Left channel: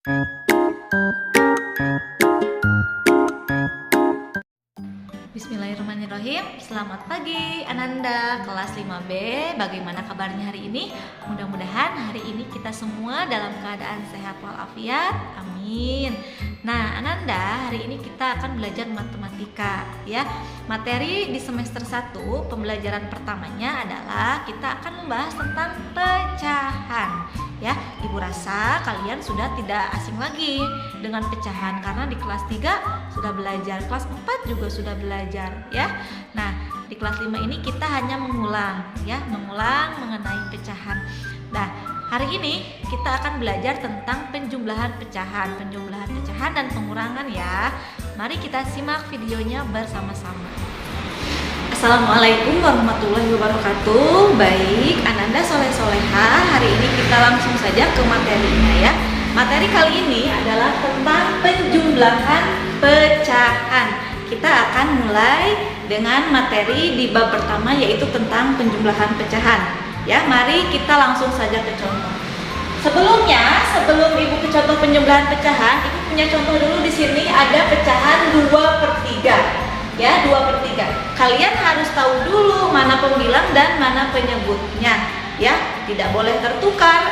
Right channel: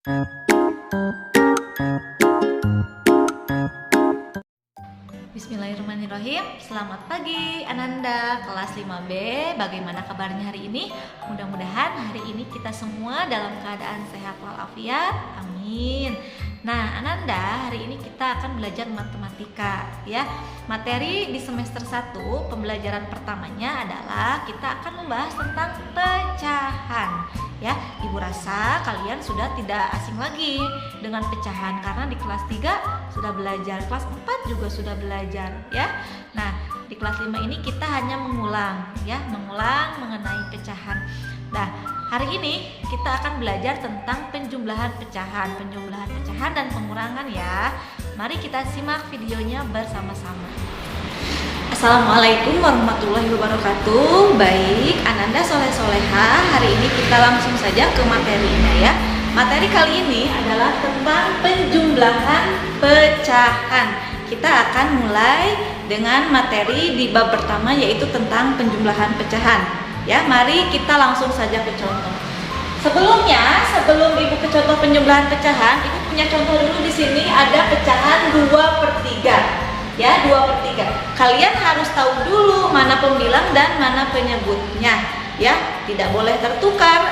Bismillahirrahmanirrahim. Selamat pagi Ananda kelas 5B. Bagaimana kabarnya hari ini? Mudah-mudahan hari ini kita semua dalam keadaan sehat walafiat. Amin. Nah, Ananda, hari ini kita akan belajar matematika ya. Materi di semester 1 pembelajaran pertamanya adalah kita akan membahas tentang pecahan. Ya, Ibu rasa kalian sudah tidak asing lagi dengan pecahan karena di kelas 3 sudah belajar, kelas 4 juga sudah belajar ya. Nah, di kelas 5 ini kita hanya mengulang mengenai pecahan. Nah, hari ini kita akan belajar tentang penjumlahan pecahan dan pengurangan ya. Mari kita simak videonya bersama-sama. Assalamualaikum warahmatullahi wabarakatuh. Baik, Ananda soleh-soleha, hari ini kita langsung saja ke materinya ya. Materi kali ini adalah tentang penjumlahan pecahan. Kita akan mulai dengan materi di bab pertama, yaitu tentang penjumlahan pecahan. Ya, mari kita langsung saja ke contoh. Sebelum Ibu ke contoh penjumlahan pecahan, Ibu punya contoh dulu. Di sini ada pecahan 2/3. Ya, 2/3. Kalian harus tahu dulu mana pembilang dan mana penyebutnya. Ya, tidak boleh tertukar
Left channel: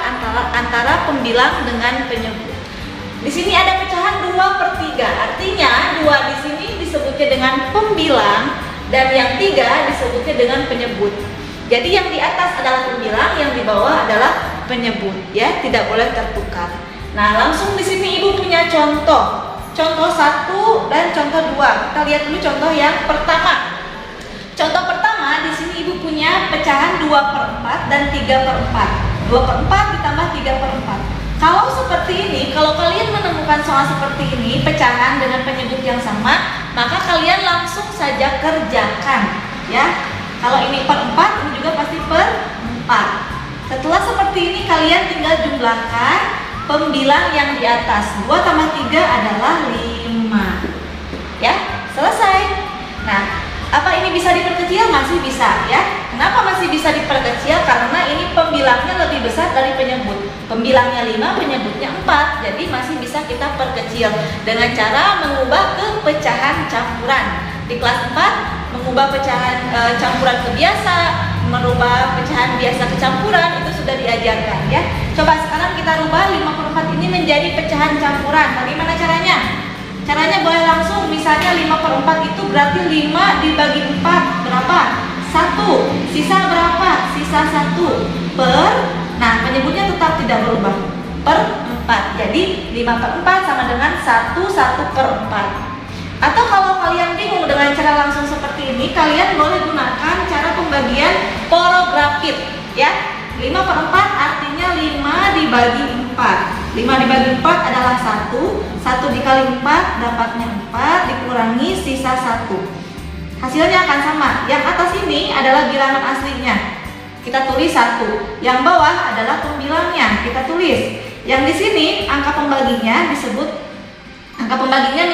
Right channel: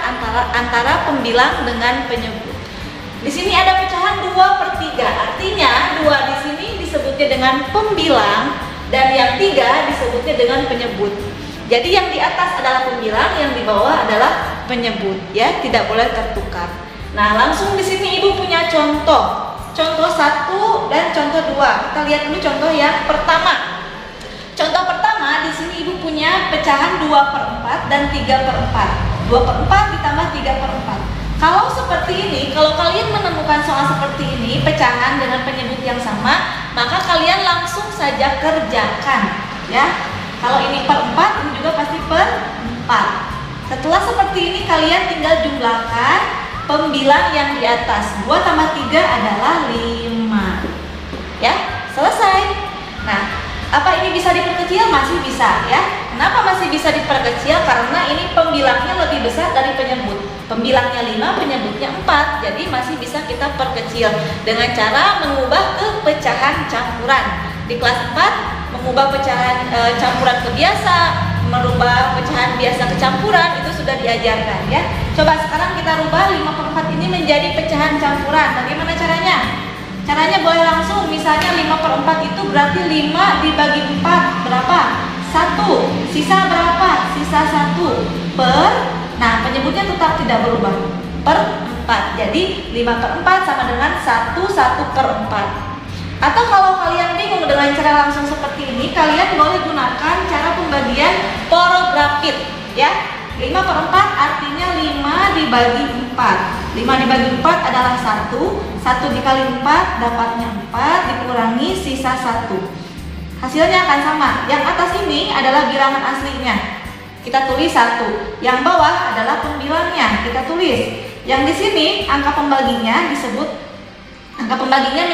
antara pembilang dengan penyebut. Di sini ada pecahan 2/3. Artinya 2 di sini disebutnya dengan pembilang dan yang 3 disebutnya dengan penyebut. Jadi yang di atas adalah pembilang, yang di bawah adalah penyebut. Ya, tidak boleh tertukar. Nah, langsung di sini Ibu punya contoh. Contoh 1 dan contoh 2. Kita lihat dulu contoh yang pertama. Contoh pertama, di sini Ibu punya pecahan 2/4 dan 3/4. 2/4 ditambah 3/4. Kalau seperti ini, kalau kalian menemukan soal seperti ini, pecahan dengan penyebut yang sama, maka kalian langsung saja kerjakan ya. Kalau ini per 4, ini juga pasti per 4. Setelah seperti ini, kalian tinggal jumlahkan pembilang yang di atas. 2 tambah 3 adalah 5. Ya, selesai. Nah, apa ini bisa diperkecil? Masih bisa ya. Kenapa masih bisa diperkecil? Karena ini pembilangnya lebih besar dari penyebut. Pembilangnya 5, penyebutnya 4. Jadi masih bisa kita perkecil dengan cara mengubah ke pecahan campuran. Di kelas 4 mengubah pecahan campuran ke biasa, merubah pecahan biasa ke campuran, itu sudah diajarkan ya. Coba sekarang kita rubah 5/4 ini menjadi pecahan campuran. Bagaimana caranya? Caranya boleh langsung, misalnya 5/4 itu berarti 5 dibagi 4 berapa? 1. Sisa berapa? Sisa 1 per, nah penyebutnya tetap tidak berubah, per 4. Jadi 5/4 sama dengan 1/4. Atau kalau kalian bingung dengan cara langsung seperti ini, kalian boleh gunakan cara pembagian porografit ya. 5/4 artinya 5 dibagi 4. 5 dibagi 4 adalah 1. 1 dikali 4 dapatnya 4, dikurangi sisa 1. Hasilnya akan sama. Yang atas ini adalah bilangan aslinya, kita tulis 1. Yang bawah adalah pembilangnya, kita tulis. Yang di sini angka pembaginya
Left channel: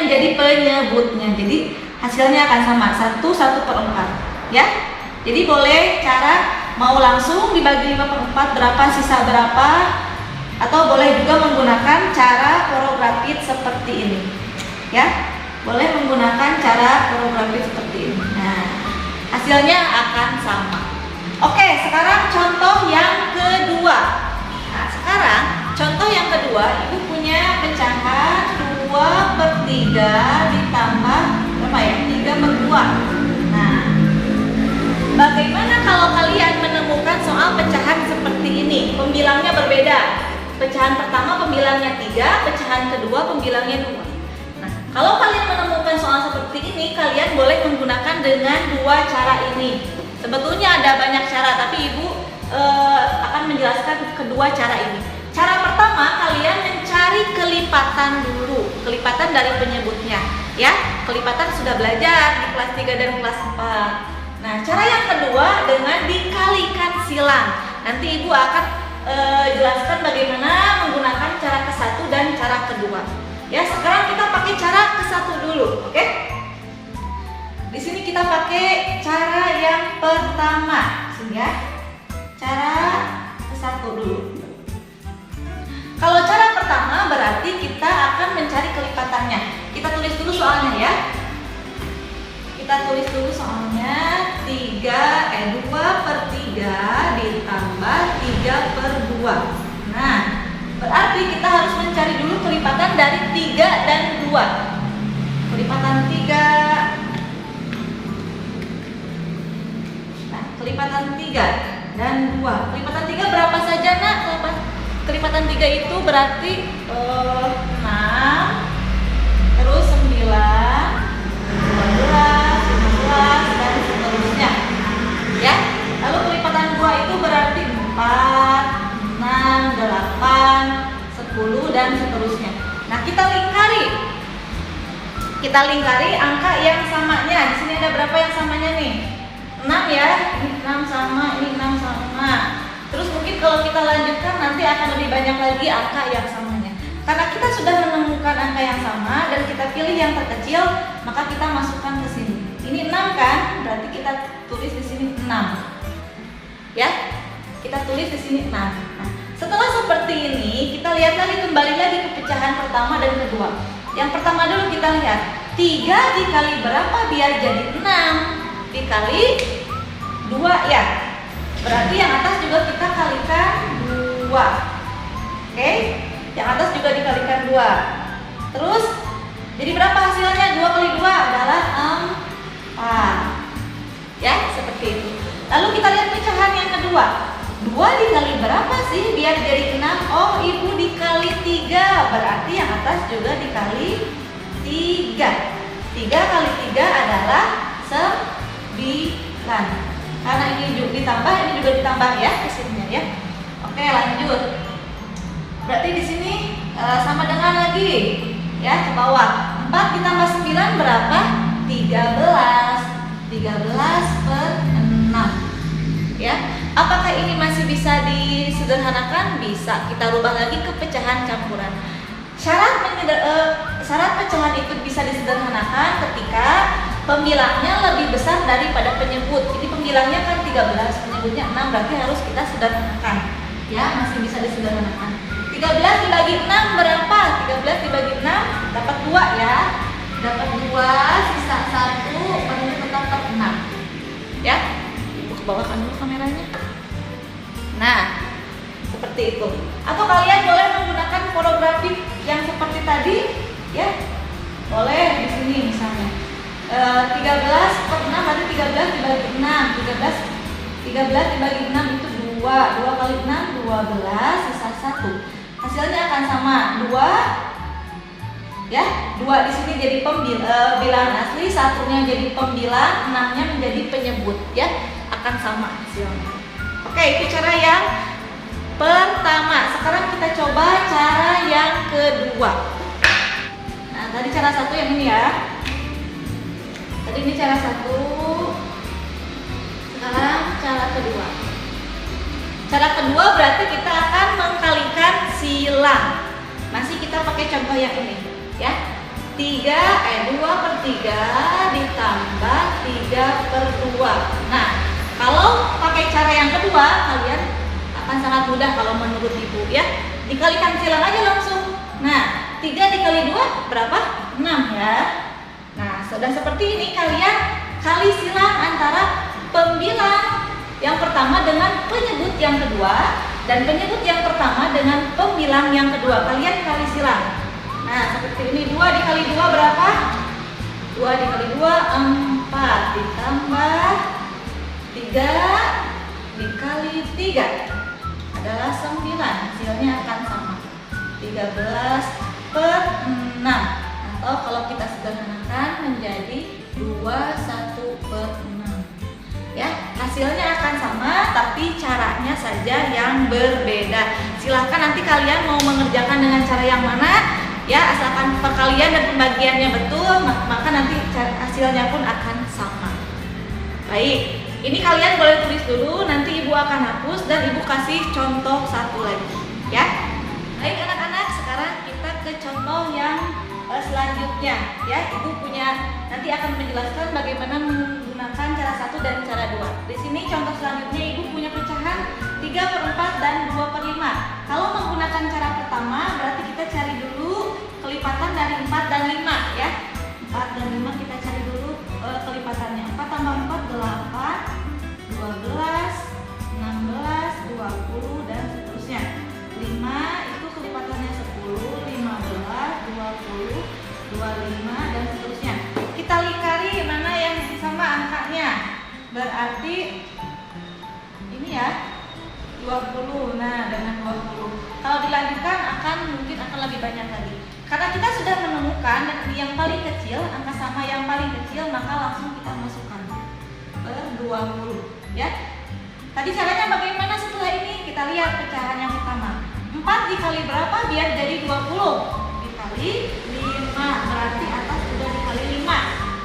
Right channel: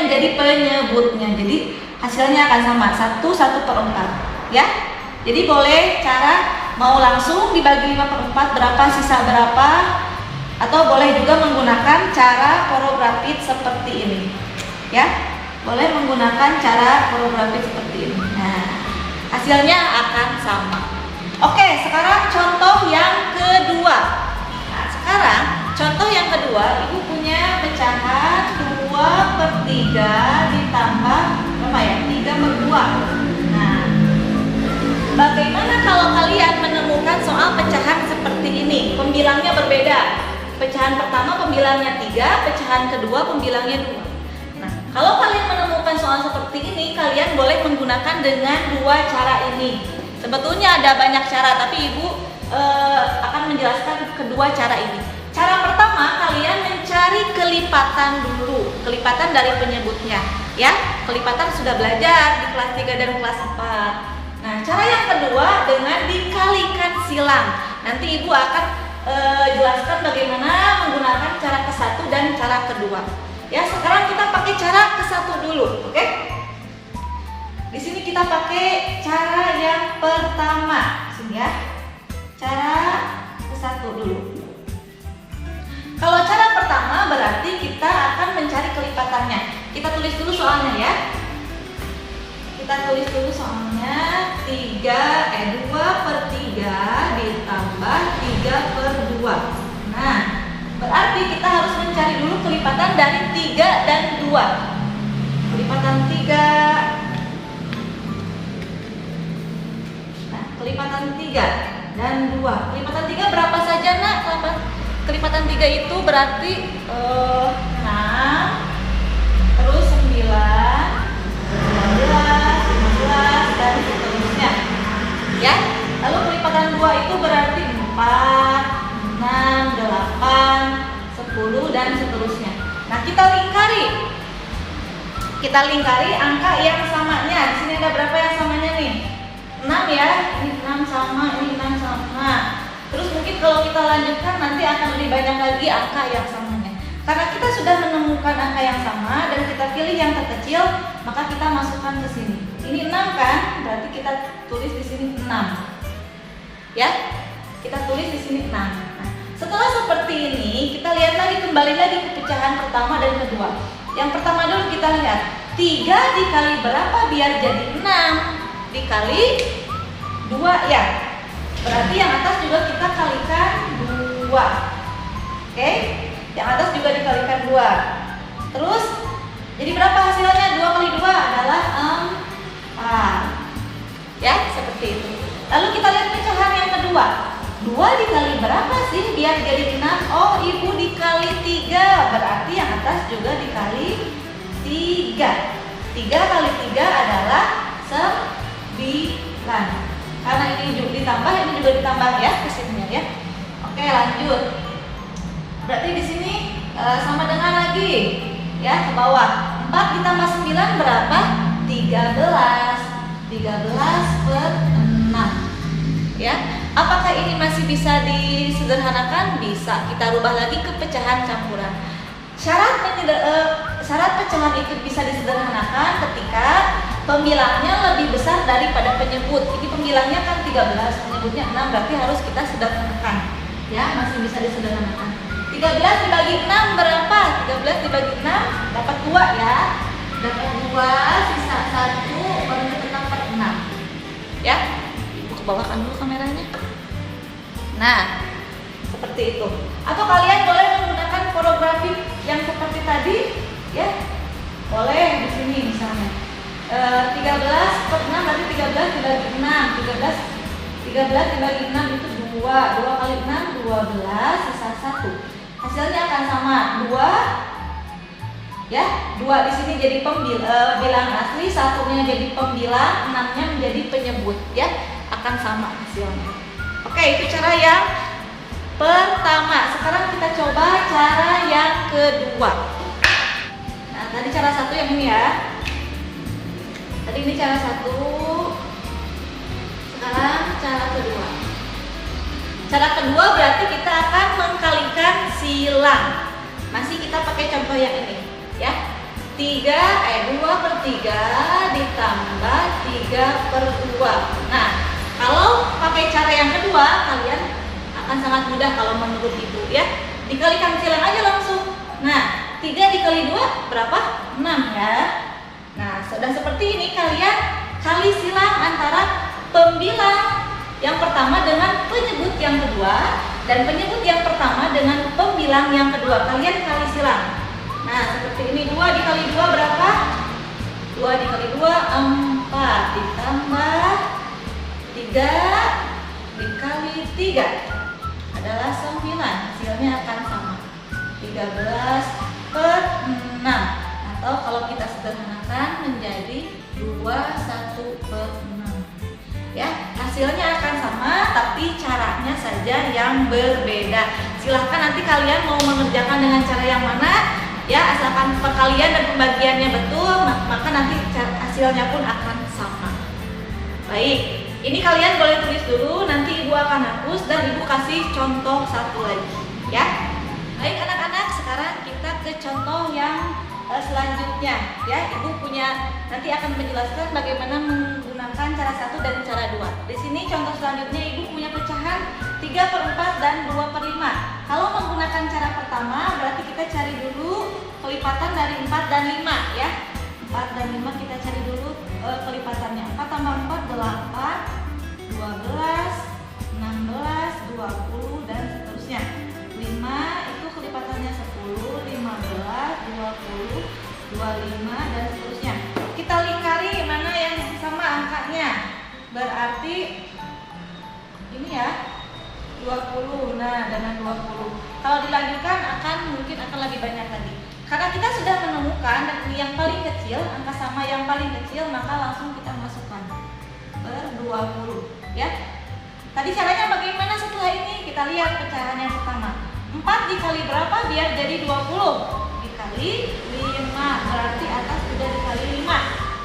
menjadi penyebutnya. Jadi hasilnya akan sama, 1/4 ya. Jadi boleh cara mau langsung dibagi 5/4 berapa, sisa berapa, atau boleh juga menggunakan cara porografit seperti ini ya. Boleh menggunakan cara porografit seperti ini. Nah, hasilnya akan sama. Oke, sekarang contoh yang kedua. Nah, sekarang contoh yang kedua, Ibu punya pecahan 2/3 ditambah berapa ya? 3/2. Nah, bagaimana kalau kalian menemukan soal pecahan seperti ini? Pembilangnya berbeda. Pecahan pertama pembilangnya 3, pecahan kedua pembilangnya 2. Nah, kalau kalian menemukan soal seperti ini, kalian boleh menggunakan dengan 2 cara ini. Sebetulnya ada banyak cara, tapi Ibu akan menjelaskan kedua cara ini. Cara pertama, kalian mencari kelipatan dulu, kelipatan dari penyebutnya ya. Kelipatan sudah belajar di kelas 3 dan kelas 4. Nah, cara yang kedua dengan dikalikan silang. Nanti Ibu akan jelaskan bagaimana menggunakan cara ke-1 dan cara kedua. Ya, sekarang kita pakai cara ke-1 dulu, oke? Di sini kita pakai cara yang pertama, sini ya. Cara ke-1 dulu. Kalau cara pertama berarti kita akan mencari kelipatannya. Kita tulis dulu soalnya ya. Kita tulis dulu soalnya 2/3 ditambah 3/2. Nah, berarti kita harus mencari dulu kelipatan dari 3 dan 2. Kelipatan 3. Nah, kelipatan 3 dan 2. Kelipatan 3 berapa saja, Nak? Kelipatan 3 itu berarti 6, terus 9, 12, 15 dan seterusnya. Ya. Lalu kelipatan 2 itu berarti 4, 6, 8, 10 dan seterusnya. Nah, kita lingkari. Kita lingkari angka yang samanya. Di sini ada berapa yang samanya nih? 6 ya. Ini 6 sama, ini 6 sama. Terus mungkin kalau kita lanjutkan nanti akan lebih banyak lagi angka yang samanya. Karena kita sudah menemukan angka yang sama dan kita pilih yang terkecil, maka kita masukkan ke sini. Ini 6 kan? Berarti kita tulis di sini 6. Ya. Kita tulis di sini 6. Nah, setelah seperti ini, kita lihat lagi, kembali lagi ke pecahan pertama dan kedua. Yang pertama dulu kita lihat 3 dikali berapa biar jadi 6 dikali 2 ya. Berarti yang atas juga kita kalikan 2. Oke? Yang atas juga dikalikan 2. Terus jadi berapa hasilnya? 2 kali 2 adalah 4. Ya, seperti itu. Lalu kita lihat pecahan yang kedua. 2 dikali berapa sih biar jadi 6? Oh, Ibu dikali 3. Berarti yang atas juga dikali 3. 3 kali 3 adalah 9. Karena ini juga ditambah, ini juga ditambah ya hasilnya ya. Oke, lanjut. Berarti di sini sama dengan lagi ya, ke bawah. 4 ditambah 9 berapa? 13. 13/6. Ya. Apakah ini masih bisa disederhanakan? Bisa. Kita rubah lagi ke pecahan campuran. Syarat pecahan itu bisa disederhanakan ketika pembilangnya lebih besar daripada penyebut. Jadi pembilangnya kan 13, penyebutnya 6, berarti harus kita sederhanakan. Ya, masih bisa disederhanakan. 13 dibagi 6 berapa? 13 dibagi 6 dapat 2 ya. Dapat 2, sisa 1, baru dapat 6. Ya. Ibu kebawakan dulu kameranya. Nah, seperti itu. Atau kalian boleh menggunakan porografik yang seperti tadi, ya. Boleh di sini misalnya. 13/6 berarti 13 dibagi 6. 13 dibagi 6 itu 2. 2 kali 6 12, sisa 1. Hasilnya akan sama 2. Ya, 2 di sini jadi bilangan asli, satunya jadi pembilang, 6-nya menjadi penyebut, ya. Akan sama hasilnya. Oke, itu cara yang pertama. Sekarang kita coba cara yang kedua. Nah, tadi cara satu yang ini ya. Tadi ini cara satu. Sekarang cara kedua. Cara kedua berarti kita akan mengkalikan silang. Masih kita pakai contoh yang ini, ya. 2/3 ditambah 3/2. Nah, kalau pakai cara yang kedua, kalian akan sangat mudah kalau menurut Ibu, ya. Dikalikan silang aja langsung. Nah, 3 dikali 2 berapa? 6 ya. Nah, sudah seperti ini kalian kali silang antara pembilang yang pertama dengan penyebut yang kedua dan penyebut yang pertama dengan pembilang yang kedua. Kalian kali silang. Nah, seperti ini 2 dikali 2 berapa? 2 dikali 2 4 ditambah 3 dikali 3 adalah 9. Hasilnya akan sama. 13/6. Atau kalau kita sederhanakan menjadi 21/6. Ya, hasilnya akan sama tapi caranya saja yang berbeda. Silahkan nanti kalian mau mengerjakan dengan cara yang mana, ya, asalkan perkalian dan pembagiannya betul, maka nanti hasilnya pun akan sama. Baik, ini kalian boleh tulis dulu, nanti Ibu akan hapus dan Ibu kasih contoh satu lagi, ya. Baik anak-anak, sekarang kita ke contoh yang selanjutnya ya. Ibu punya nanti akan menjelaskan bagaimana menggunakan cara 1 dan cara 2. Di sini contoh selanjutnya ibu punya pecahan 3/4 dan 2/5. Kalau menggunakan cara pertama berarti kita cari dulu kelipatan dari 4 dan 5 ya. 4 dan 5 kita cari dulu kelipatannya. 4 tambah 4 8, 12, 16, 20 dan seterusnya. 5 itu kelipatannya 10, 15, 20, 25 dan seterusnya. Kita lingkari mana yang sama angkanya. Berarti ini ya 20. Nah, dengan 20. Kalau dilanjutkan mungkin akan lebih banyak lagi. Karena kita sudah menemukan dan ini yang paling kecil, angka sama yang paling kecil, maka langsung kita masukkan per 20 ya. Tadi caranya bagaimana setelah ini? Kita lihat pecahan yang pertama. 4 dikali berapa biar jadi 20? Dikali 5, berarti atas juga dikali 5.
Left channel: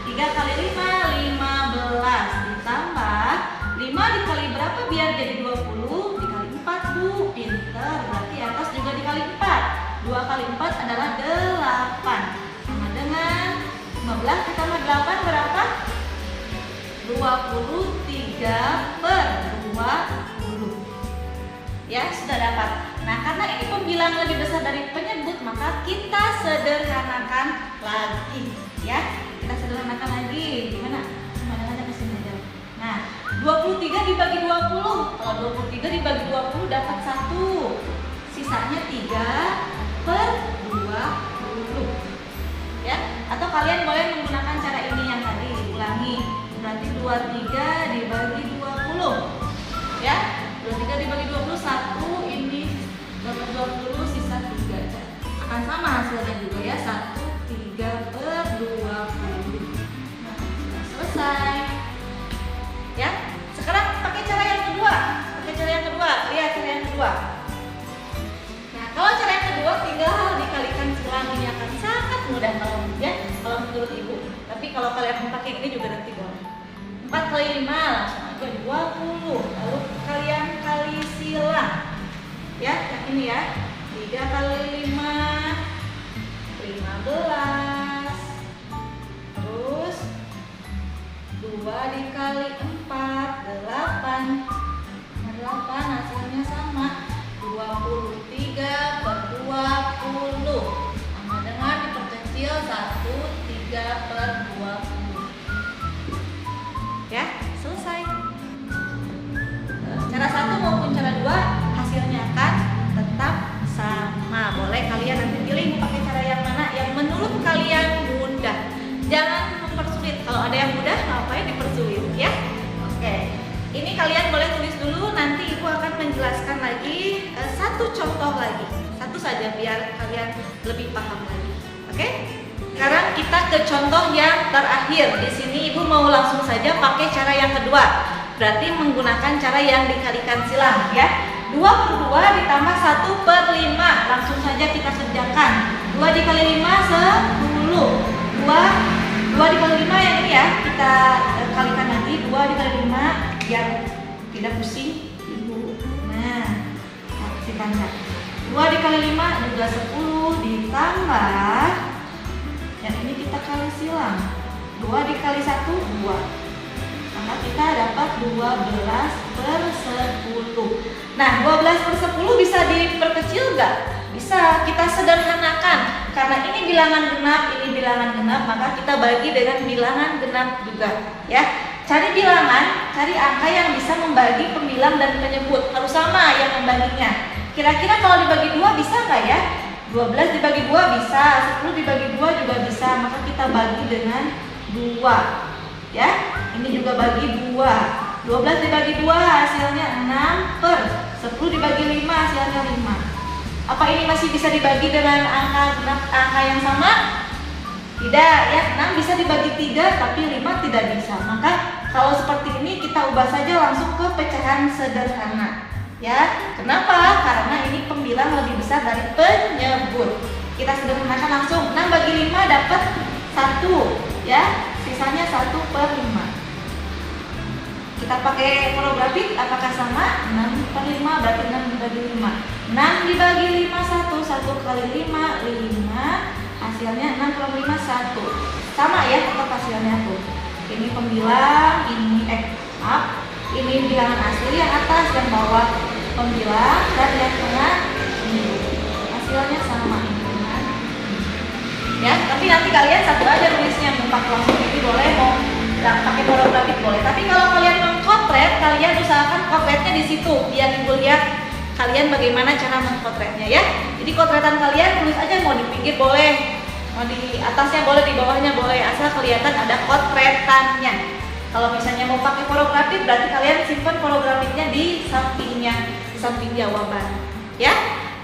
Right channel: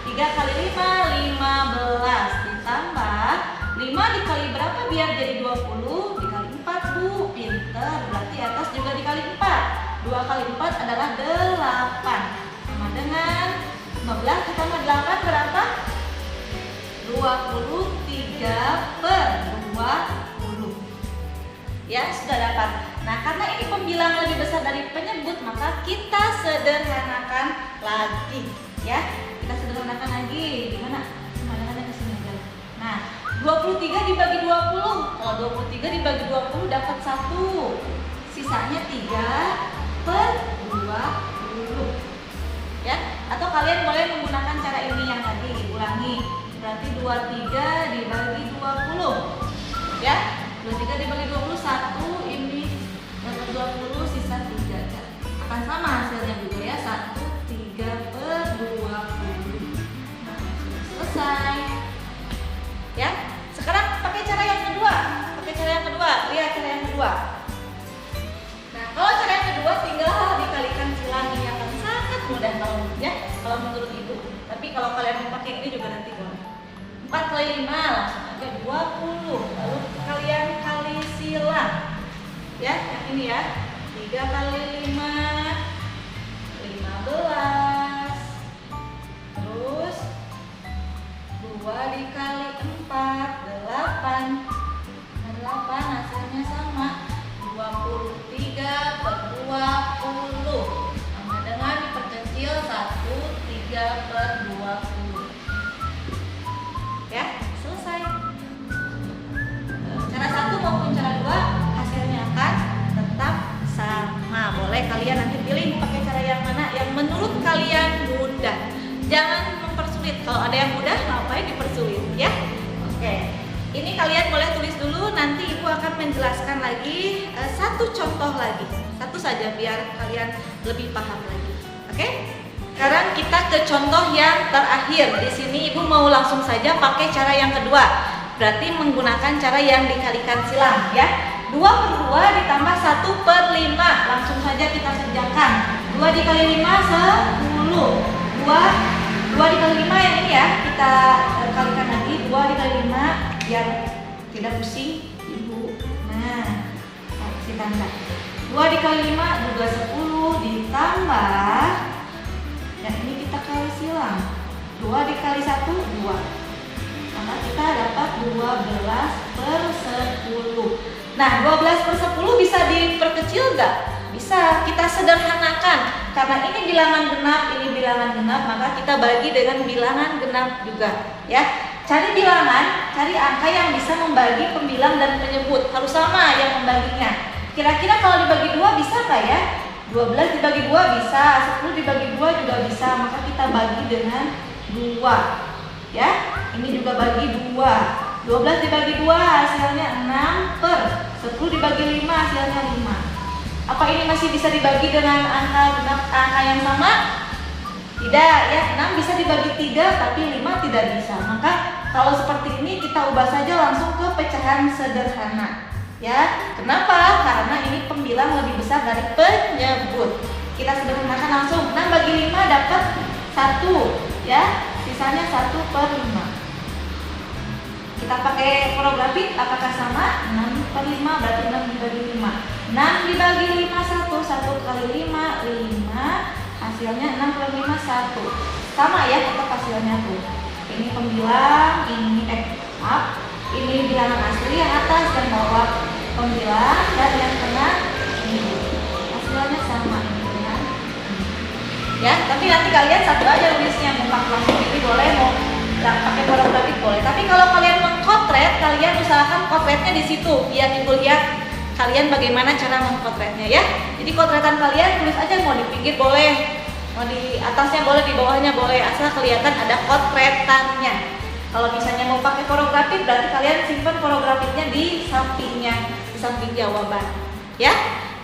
3 kali 5, 15. Ditambah 5 dikali berapa biar jadi 20? Dikali 4 bu, pinter. Berarti atas juga dikali 4. 2 kali 4 adalah 8. Sama dengan 15 ditambah 8 berapa? 23/20. Ya, sudah dapat. Nah, karena ini pembilang lebih besar dari penyebut, maka kita sederhanakan lagi ya. Kita sederhanakan lagi. Gimana? Pemandangannya ke sini aja. Nah, 23 dibagi 20. Kalau 23 dibagi 20 dapat 1. Sisanya 3/20. Ya, atau kalian boleh menggunakan cara ini yang tadi, ulangi. Berarti 23 dibagi 20. Ya, 23 dibagi 20 1, ini dapat 20, sisa 3. Akan sama hasilnya juga ya, 1, 3/20. Nah, sudah selesai. Ya, sekarang pakai cara yang kedua. Iya, cara yang kedua. Nah, kalau cara yang kedua tinggal dikalikan silang, ini akan sangat mudah kalau menurut ibu. Tapi kalau kalian mau pakai ini juga nanti boleh. 4 kali 5 langsung aja 20. Lalu kalian kali silang. Ya, yang ini ya. 3 kali 5 15. Terus 2 dikali 4 8. 8 hasilnya sama 23/20. Sama dengan diperkecil 1, 3/20. Ya, selesai. Cara 1 maupun cara 2 hasilnya akan tetap sama. Boleh kalian nanti pilih mau pakai cara yang mana yang menurut kalian mudah. Jangan mempersulit. Kalau ada yang mudah, ngapain dipersulit ya? Oke. Ini kalian boleh tulis dulu, nanti ibu akan menjelaskan lagi satu contoh lagi. Satu saja biar kalian lebih paham lagi. Oke? Sekarang kita ke contoh yang terakhir. Di sini ibu mau langsung saja pakai cara yang kedua. Berarti menggunakan cara yang dikalikan silang ya. 2/2 ditambah 1/5. Langsung saja kita kerjakan. 2 dikali 5 10. 2 dikali 5 yang ini ya. Kita kalikan lagi. 2 dikali 5 biar tidak pusing ibu. Nah, kasih tanda. 2 dikali 5 juga 10 ditambah. Dan ini kita kali silang. 2 dikali 1 2. Maka kita dapat 12/10. Nah, 12/10 bisa diperkecil nggak? Bisa, kita sederhanakan. Karena ini bilangan genap, ini bilangan genap, maka kita bagi dengan bilangan genap juga ya. Cari bilangan, cari angka yang bisa membagi pembilang dan penyebut. Harus sama yang membaginya. Kira-kira kalau dibagi 2 bisa nggak ya? 12 dibagi 2 bisa, 10 dibagi 2 juga bisa. Maka kita bagi dengan 2 ya. Ini juga bagi 2. 12 dibagi 2 hasilnya 6/10 dibagi 5 hasilnya 5. Apa ini masih bisa dibagi dengan angka yang sama? Tidak ya, 6 bisa dibagi 3 tapi 5 tidak bisa. Maka kalau seperti ini kita ubah saja langsung ke pecahan sederhana. Ya, kenapa? Karena ini pembilang lebih besar dari penyebut. Kita sederhanakan langsung. 6 bagi 5 dapat 1 ya. Sisanya 1/5. Kita pakai porografik, apakah sama? 6/5 berarti 6 dibagi 5. 6 dibagi 5 1 kali 5 5. hasilnya 65 1. Sama ya tetap hasilnya tuh. Ini pembilang, ini ini bilangan asli yang atas, yang bawah pembilang, dan yang tengah ini. Hasilnya sama ini dengan ya, tapi nanti kalian satu aja nulisnya, muka langsung ini boleh, mau pakai porografik boleh. Tapi kalau kalian mengkotret, kalian usahakan kotretnya di situ biar ibu lihat kalian bagaimana cara mengkotretnya ya. Jadi kotretan kalian tulis aja, mau di pinggir boleh, mau di atasnya boleh, di bawahnya boleh, asal kelihatan ada kotretannya. Kalau misalnya mau pakai porografik, berarti kalian simpan porografiknya di sampingnya, di samping jawaban ya.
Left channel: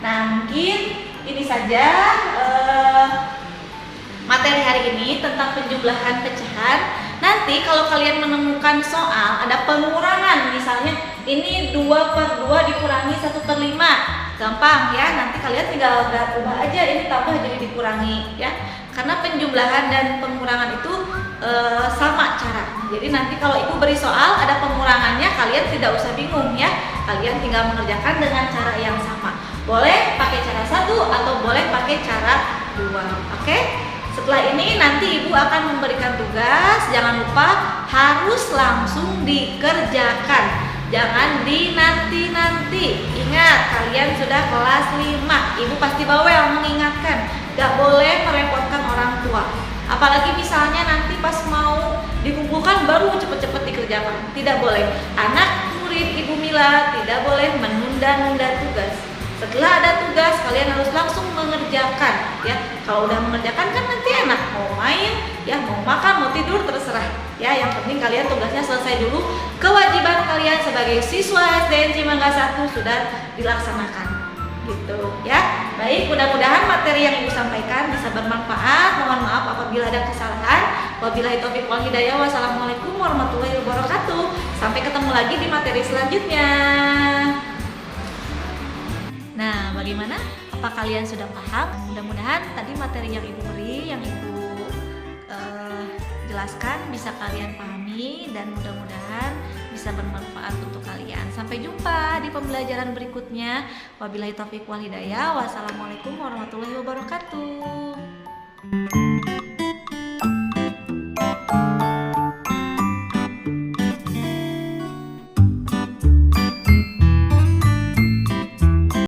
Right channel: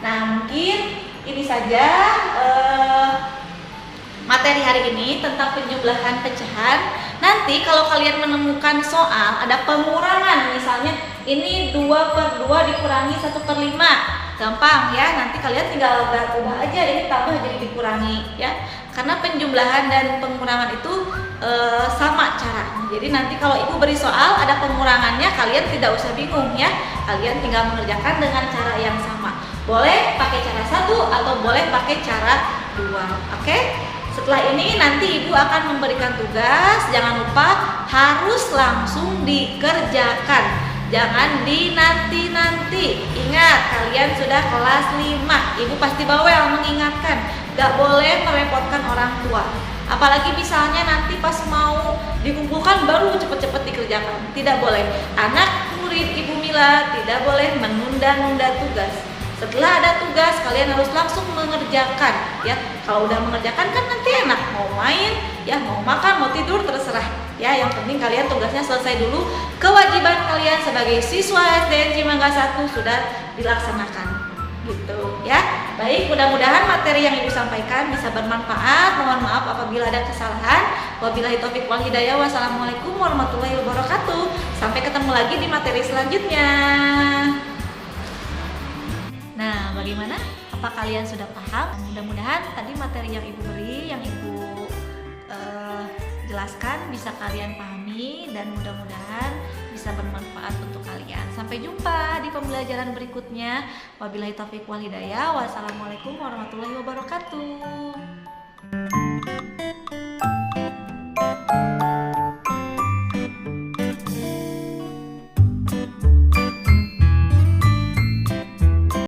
Nah mungkin ini saja materi hari ini tentang penjumlahan pecahan. Nanti kalau kalian menemukan soal ada pengurangan, misalnya ini 2/2 dikurangi 1/5, gampang ya, nanti kalian tinggal ubah aja, ini tambah jadi dikurangi ya. Karena penjumlahan dan pengurangan itu sama cara. Jadi nanti kalau ibu beri soal ada pengurangannya, kalian tidak usah bingung ya, kalian tinggal mengerjakan dengan cara yang sama. Boleh pakai cara 1 atau boleh pakai cara 2. Oke? Setelah ini nanti ibu akan memberikan tugas, jangan lupa harus langsung dikerjakan, jangan dinanti-nanti. Ingat, kalian sudah kelas 5, ibu pasti bawel mengingatkan, gak boleh merepotkan orang tua. Apalagi misalnya nanti pas mau dikumpulkan baru cepet-cepet dikerjakan, tidak boleh. Anak murid Ibu Mila tidak boleh menunda-nunda tugas. Setelah ada tugas, kalian harus langsung mengerjakan ya. Kalau udah mengerjakan kan nanti enak, mau main ya, mau makan, mau tidur, terserah ya. Yang penting kalian tugasnya selesai dulu. Kewajiban kalian sebagai siswa SDN Cimangga 1 sudah dilaksanakan gitu ya. Baik, mudah-mudahan materi yang ibu sampaikan bisa bermanfaat. Mohon maaf apabila ada kesalahan. Wabillahi taufiq wal hidayah. Wassalamualaikum warahmatullahi wabarakatuh. Sampai ketemu lagi di materi selanjutnya. Nah, bagaimana? Apa kalian sudah paham? Mudah-mudahan tadi materi yang ibu beri, yang ibu jelaskan bisa kalian pahami dan mudah-mudahan bisa bermanfaat untuk kalian. Sampai jumpa di pembelajaran berikutnya. Wabillahi taufiq wal hidayah. Wassalamualaikum warahmatullahi wabarakatuh.